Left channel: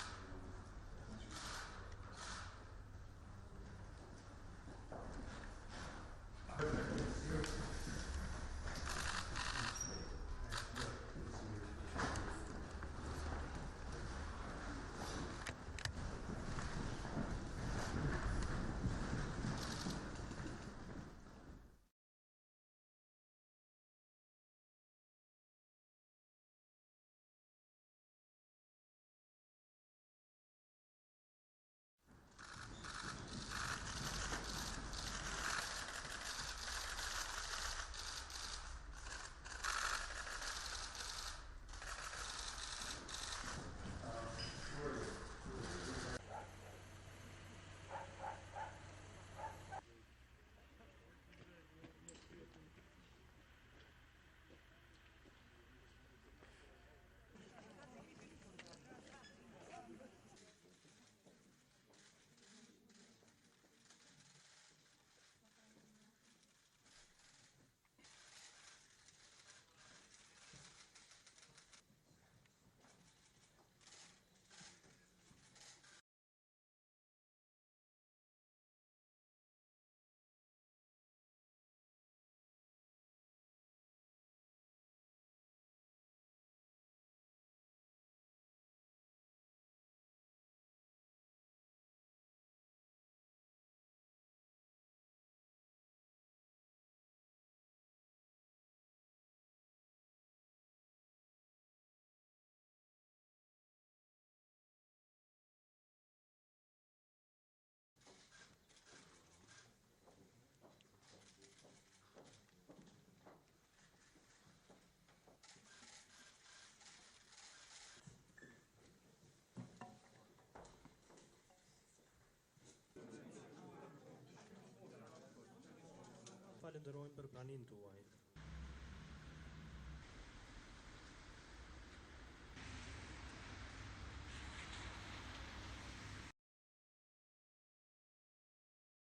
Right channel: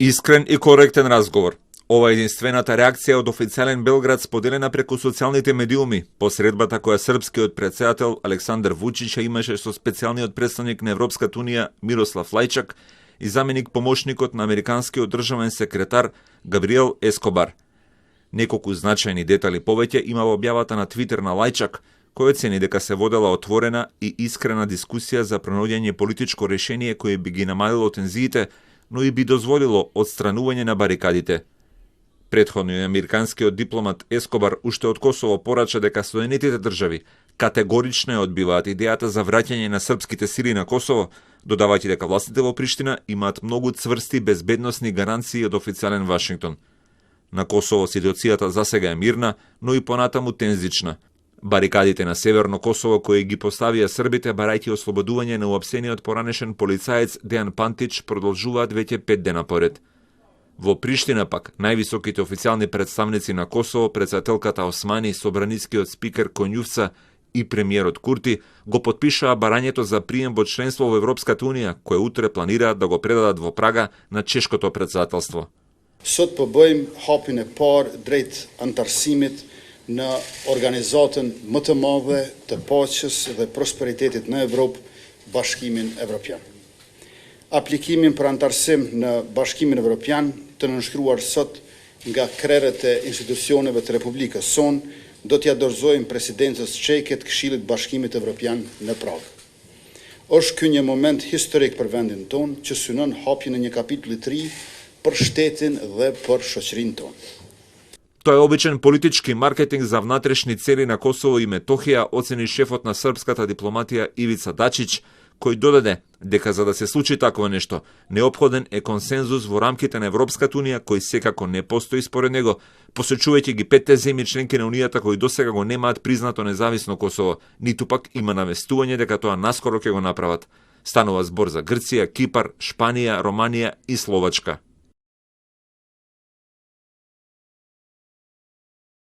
Искрен и коректен разговор. Ова е единствената реакција од официјален Белград споделена преку социјалните медиуми по средбата која српскиот претседател Александар Вучич имаше со специјалниот представник на Европската унија Мирослав Лајчак и заменик помошникот на американскиот државен секретар Габриел Ескобар. Неколку значајни детали повеќе има во објавата на Твитер на Лајчак, кој оцени дека се водела отворена и искрена дискусија за пронаоѓање политичко решение кое би ги намалило тензиите, но и би дозволило отстранување на барикадите. Претходно и американскиот дипломат Ескобар уште од Косово порача дека Соединетите држави категорично ја одбиваат идејата за враќање на српските сили на Косово, додавајќи дека властите во Приштина имаат многу цврсти безбедносни гаранции од официјален Вашингтон. На Косово ситуацијата засега е мирна, но и понатаму тензична. Барикадите на Северно Косово кои ги поставија србите барајќи ослободување на уапсениот поранешен полицаец Дејан Пантич продолжуваат веќе 5 дена поред. Во Приштина пак, највисоките официјални представници на Косово, председателката Османи, собранискиот спикер Конјувца и премиерот Курти го потпишаа барањето за прием во членство во Европската унија, кое утре планираат да го предадат во Прага на чешкото председателство. Sot po bëjmë hapin e parë drejt antarësimit në organizatën më të madhe të paqes dhe prosperitetit në Evropë, Bashkimin Evropian. Aplikimin për antarësim në Bashkimin Evropian të nënshkruar sot nga krerët e institucioneve të Republikës sonë do t'ja dorëzojmë presidencës çeke të Këshillit Bashkimit Evropian në Pragë. Është ky një moment historik për vendin tonë që synon hapjen e një kapitulli të ri për shtetin dhe për shoqërinë tonë. Тоа е обичен политички маркетинг за внатрешни цели на Косово и Метохија, оцени шефот на српската дипломатија Ивица Дачич, кој додаде дека за да се случи такво нешто, неопходен е консензус во рамките на Европската унија, кој секако не постои според него, посочувајќи ги 5 земји членки на унијата кои досега го немаат признато независно Косово, ниту пак има навестување дека тоа наскоро ќе го направат. Станува збор за Грција, Кипар, Шпанија, Романија и Словачка.